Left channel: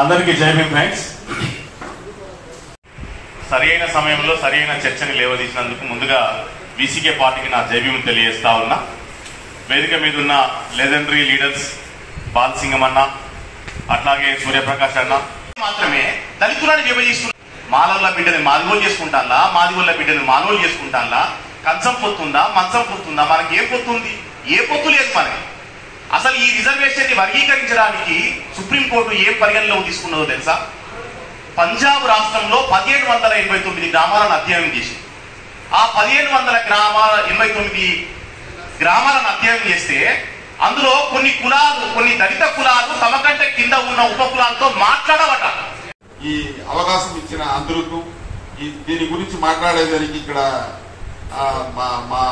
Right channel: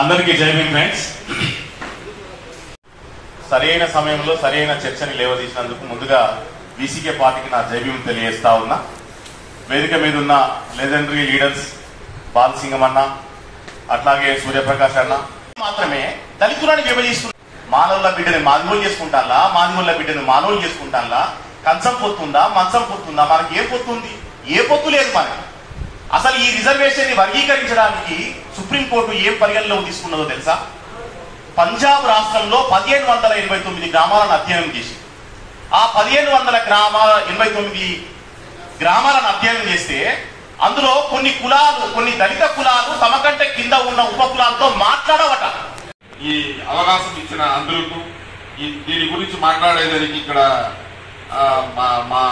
అందరికీ జై భీమ్ ఫ్రెండ్స్. సరైన సమయంలో సరైన చర్చని లేవదీసినందుకు ముందుగా బీసీకే పార్టీకి నా జై భీమ్ తెలియజేస్తా ఉన్నా. వేదిక మీద ఉన్న లెజెండరీ లీడర్స్ బాలసింగం అన్న, అట్లాగే సూర్యప్రకాష్ అన్న మాత్రమే దళితులని విభజిస్తున్నారు. మానవుల బిడ్డని మాదిగోలు చేసుకుంటాలా, మాదిగోళ్ళ బిడ్డని మానవులు చేసుకుంటాలా, కంచం పొత్తుందా మంచం పొత్తుందా? మనకి ఏ పొత్తుంది? ఏ పొత్తు లేదు మనకి. అసలు ఈ రిజర్వేషన్ ని వర్గీకరించడానికి సుప్రీంకోర్టు ఏం పరిగణలోకి తీసుకున్నదో తెలుసా? పంజాబ్ రాష్ట్రంలో 1789 గ్రామాలను అధ్యయనం చేసింది. ఆ 1789 గ్రామాలను అధ్యయనం చేస్తే అందులో కొన్ని కులాలు, కొన్ని దళిత కులాలు తమ కంటే కింద ఉన్న ఉప కులాలతో మాట్లాడవట. ఈ అవకాశం ఇచ్చిన అందరికీ దీని గురించి మాట్లాడేదానికి ఇక్కడ మా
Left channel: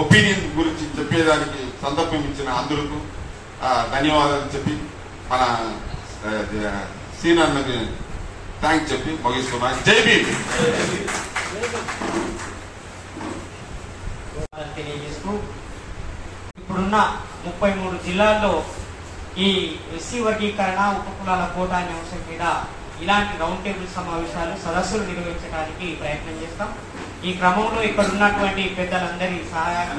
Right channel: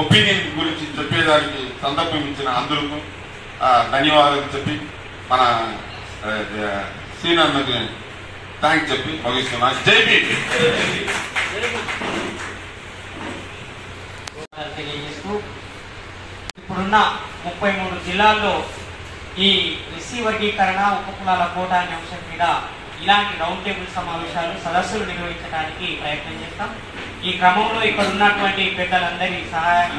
ఒపీనియన్ గురించి చెప్పేదానికి సందర్భం ఇచ్చిన అందరికీ ధన్యవాదాలు చెప్పి మన సీనన్నకి థ్యాంక్స్ చెప్పి ముగిస్తున్నాను. జై భీమ్. ఇప్పుడున్న 33 జిల్లాల్లో ఈ ఎస్సీ వర్గీకరణ, ఉపకులాల కోటా అనే అంశం మీద ఇలాంటి రౌండ్ టేబుల్ సమావేశాలు, సదస్సులు నిర్వహించడానికి ప్రయత్నం చేస్తాం. ఈ క్రమంలో ఇక్కడ ఉన్నటువంటి పెద్దలందరి సహాయాన్ని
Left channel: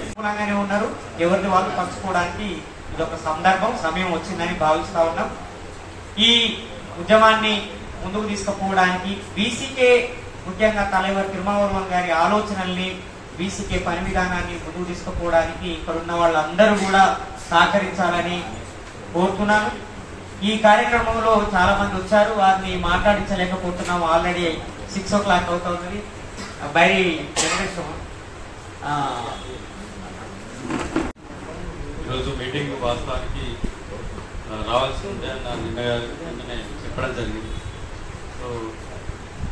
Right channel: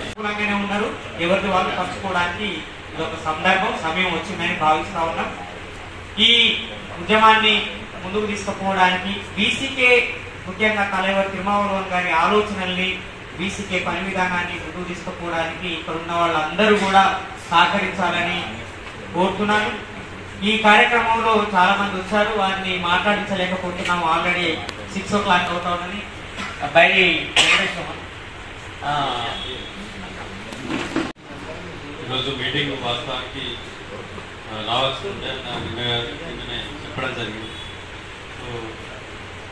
అనుకూలంగానే ఉన్నారు. ఎవరిది వాళ్ళు పంచుకోవడానికి ఇదొక సందర్భం, సమయం వచ్చిందని భావిస్తా ఉన్నాం. ఈ ఉద్యమాన్ని ముందుకు తీసుకుపోవడానికి బీసీకే ముఖ్యంగా తలైవర్ తిరుమావళవన్ గారి ఆలోచనల్ని, బీసీకే పని విధానాన్ని ముందుకు తీసుకుపోవడానికి ఇక్కడ ఉన్న వాళ్ళందరూ కూడా సహకరించాలని కోరుతున్నాను. ఈ కార్యక్రమంలో చాలా మంది వచ్చారు, వారిని మాట్లాడించలేకపోతున్నాం. ఆల్రెడీ 6 o'clock అవుతుందని ఈరోజు మీటింగ్ వాస్తవానికి రావాల్సి ఉంటే నిన్ననే చెప్పడం జరిగింది. సో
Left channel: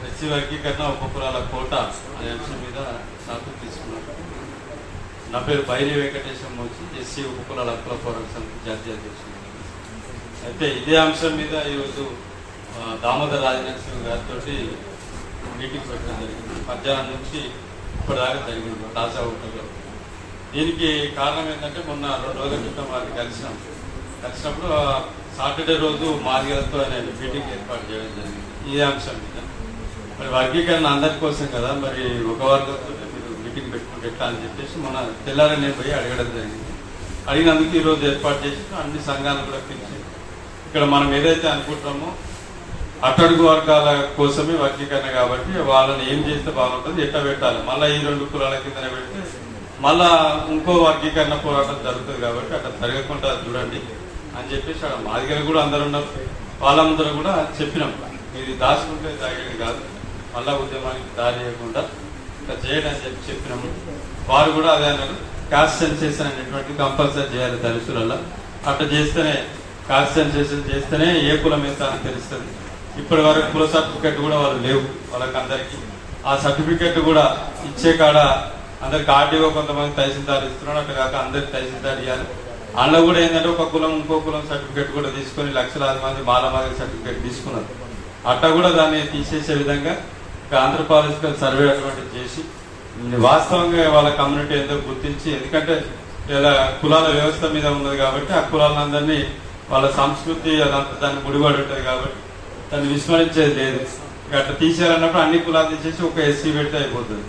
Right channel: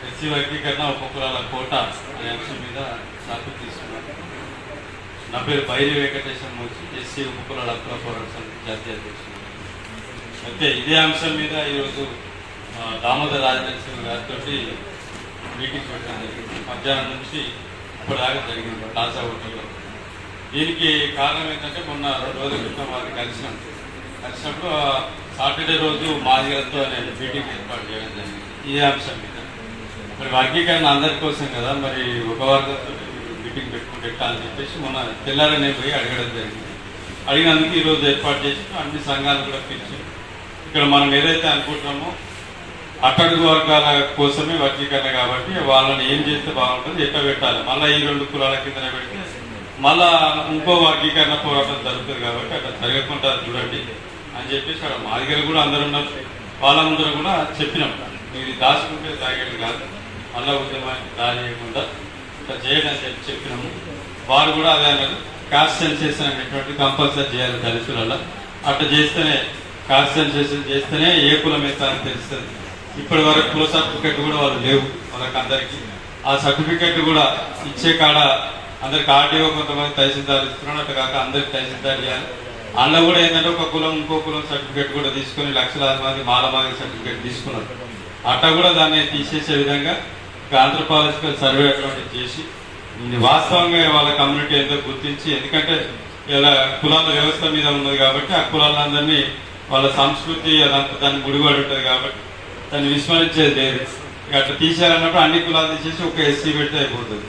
ఎస్సీ వర్గీకరణ, ఉపకులాల కోట అనే అంశం మీద నాకు తీసుకున్నాను. నా పేరు బైరి వెంకటేశ్వర మూర్తి, ఎస్సీ ఉపకులాల హక్కుల పోరాటం జాతీయ అధ్యక్షుడు. అయితే ఇదే అంశం మీద ఈరోజు దామోదర్ రాజనరసింహ గారితో మీటింగ్ పెట్టడం జరిగింది. మధ్యాహ్నం నుంచి ఇప్పటిదాకా జరిగింది తాజా హోటల్లో. దీనికి కారణం ఏంటంటే మొన్న 2 రోజుల క్రితం వారిని కలిసినప్పుడు సాటర్డే రోజు మాదిగలతో అనే మీటింగ్ ఏర్పాటు చేయడం జరిగింది ఈ అంశం మీద. మరి వర్గీకరణ అందరి కోసం కదా, మరి ఒక వర్గంతో మీటింగ్ పెట్టుకుంటే ఎట్లా అని చెప్పేసి మొన్న తెల్లారనే పోయి అడగడం జరిగింది. అడిగినందుకు ఈ రోజు ఏర్పాటు చేసి అన్ని సంఘాలు కూడా పిలిచి ఇక్కడ మనం ఏదైతే అనుకుంటున్నామో అట్టడుగు వర్గాల కోసమే వర్గీకరణ కాబట్టి వాళ్ళని ఏం చేస్తే బాగుంటుంది, ఎట్లా పెట్టాలి, మళ్ళీ ఈ 2 కులాల కింద పెడితే మళ్ళా ఇంకో వర్గీకరణ పోరాటం జరుగుతుంది కాబట్టి అట్లా జరగకుండా చూడండి అని చెప్పేసి అక్కడ మాదిగలు కూడా అందరు ఉన్నారు. వాళ్ళందరూ కూడా చెప్పినాం, ఇది దాచుకుంటే తాగేది కాదు, మళ్ళా ఉద్యమానికి దారి చేయకుండా ఇట్లా చేయడం అని చెప్పినాము. వారు కూడా అదే అన్నారు, కాస్ట్ సెన్సేషన్ అనేటువంటి కంపల్సరీ చేయాలి దళితులలో. అట్లా చేస్తేనే, కాస్ట్ సెన్సేషన్ చేస్తేనే ఏ కులం వేస్తారని తెలుస్తుంది. ఇప్పటి వరకు కుల సర్టిఫికెట్ కూడా వాళ్ళు లేవు వాళ్ళకి అందరికి. ఆ సర్టిఫికెట్ కూడా ఇచ్చే కాడ అందరికి ఆర్డీఓ కొంతమంది తహసీల్దార్ ఇస్తున్నాడు, అట్లా కాక అందరికి తహసీల్దార్ ఇవ్వాలి. అందులో కూడా ఏంటంటే ఒక కులం ఇంకో కులం సర్టిఫికేట్ కూడా తీసుకుని లక్షలాది మంది మాలమాది సర్టిఫికేట్ తీసుకున్నారు. అట్లా కూడా దాన్ని తీసేసే విధంగా ఆంథ్రోపాలజికల్ సర్వే అటువంటి చేసి వాస్తవంగా వాళ్ళ కమ్యూనిటీ ఎంతో గుర్తించి, ఎందుకంటే ఇలా కులాల వ్యవస్థ మీద ఉన్నది కాబట్టి ఆ కులాలందరినీ వాళ్ళ సంస్కృతి అదంతా దాన్ని ముడిపడి ఉంటుంది కాబట్టి దాన్ని విస్మరించేది లేదు. అట్లా తీసేయాలన్నప్పుడు అన్ని కులాలు తీసేసి ఒక ఎస్సీ పెడితే అయిపోతుంది.